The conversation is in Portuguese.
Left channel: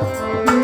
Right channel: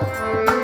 Música